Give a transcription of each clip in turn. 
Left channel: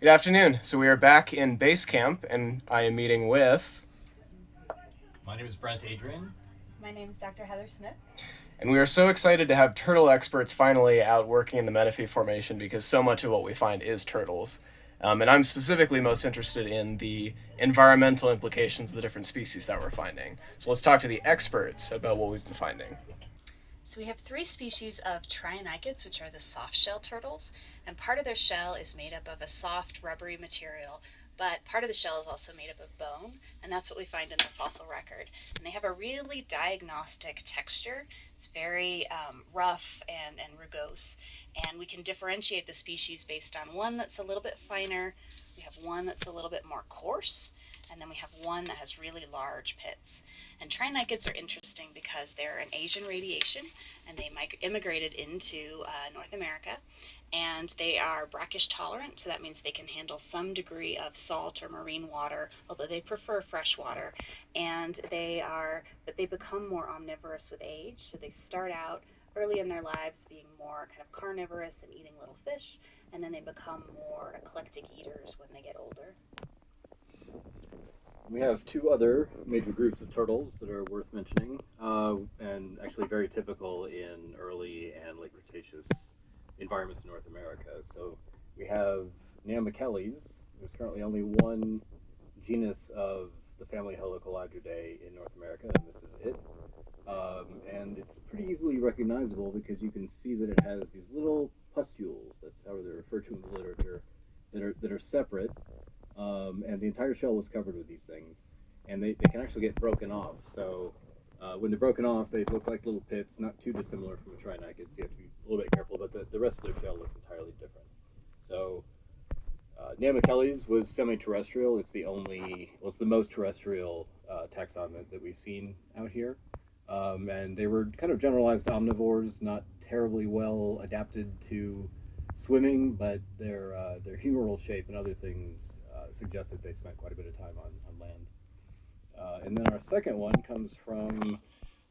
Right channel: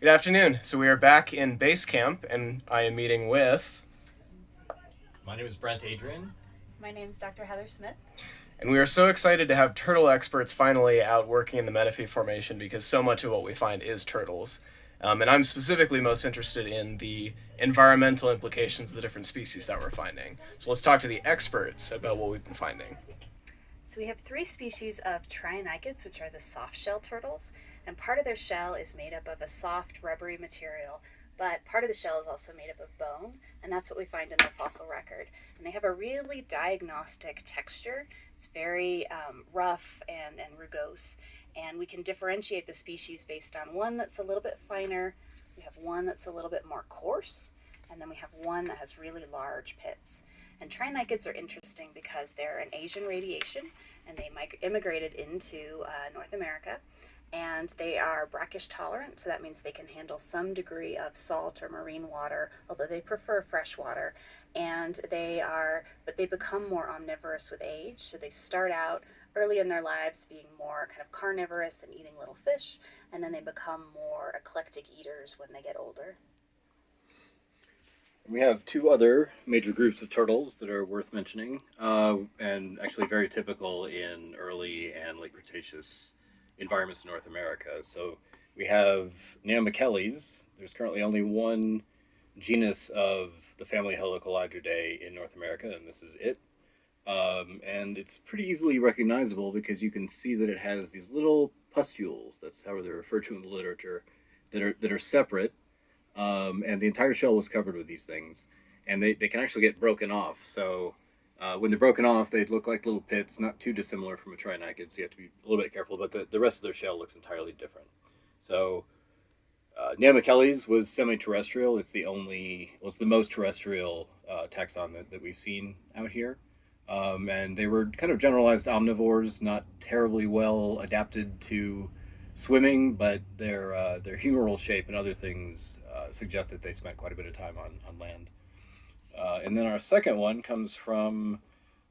Good afternoon. So we are back in base camp, and I am meeting with, My name is Brent, Adrian. My name is Dr. Heather Smith. and we are so excited to have turtle experts finally out working in the Menefee Formation because so much of what we find is turtles. And I'm specifically most interested in the environmental implications of the different species that we're finding. So let's talk to the experts about what we've been finding. So we have three species of trionychids, which are the soft shell turtles, and part of their shell is made up of a soft, rubbery material, but part of the shell is also made up of bone, and that's what we find in their fossil record. And they have a really diagnostic texture. It's very rough and rugose, and we can differentiate the species based on one that's a little bit finer, we have one that's a little bit more coarse, and then we have one that has really large pits. And trionychids are interesting because they're an Asian radiation, and they immigrated into North America. And they are brackish tolerant, so that means they can handle some degree of salt or marine water, although they prefer fresh water. But they become more omnivorous with age. So they start out early in their lives being more kind of carnivorous and eating little fish, and then they become more eclectic eaters when they get older. We have two other major groups of turtles that are worth mentioning, and actually very typical in early and late Cretaceous environments in North America. So we have Neomicheles. There's currently only one genus of the family Helicolagidae in North America, and this is it. And it's pretty easily recognizable because you can see that it has these little pustules. That's how they're referred to in the literature, that are separate, and the entire shell was covered with these things, and they can actually get broken off. So when they're broken off, they look like little pits, not too dissimilar from a trinachid. So you have to be a little bit careful, but the rest of their shell looks entirely different. So Neomicheles was semi-terrestrial. It's the most terrestrial taxon that we've seen out here. And they were kind of generalized omnivores, not terribly well adapted to swimming, but their humeral shape and other things suggest that they spent quite a bit of time on land. And then our second one comes from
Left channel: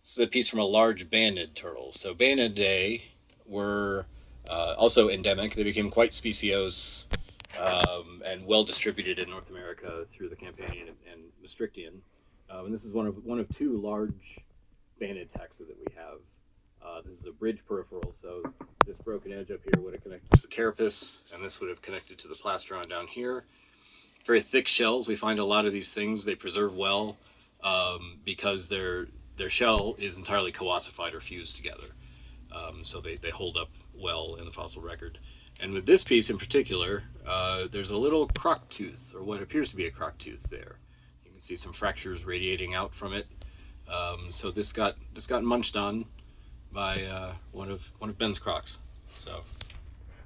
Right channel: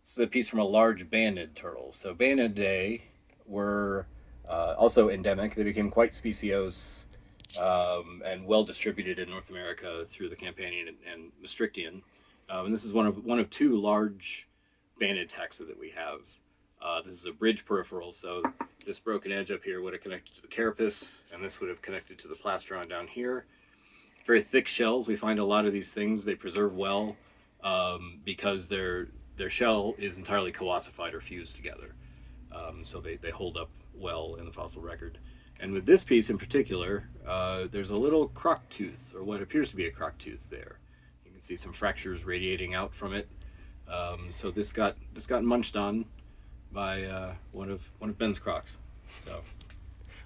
this is a piece from a large banded turtle. So Baenidae were also endemic. They became quite speciose and well distributed in North America through the Campanian and Maastrichtian. And this is one of two large banded taxa that we have. This is a bridge peripheral, so this broken edge up here would have connected to the carapace, and this would have connected to the plastron down here. Very thick shells. We find a lot of these things they preserve well because their shell is entirely co-ossified or fused together. So they hold up well in the fossil record. And with this piece in particular, there's a little croc tooth, or what appears to be a croc tooth there. You can see some fractures radiating out from it. So this got munched on by one of Ben's crocs. So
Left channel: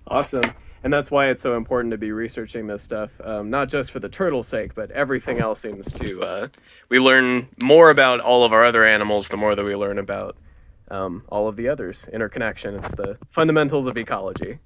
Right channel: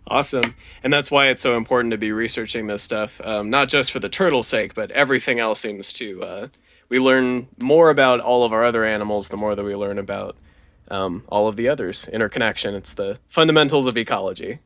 Awesome. And that's why it's so important to be researching this stuff, not just for the turtle's sake, but everything else seems to. We learn more about all of our other animals the more that we learn about all of the others. Interconnection. It's the fundamentals of ecology.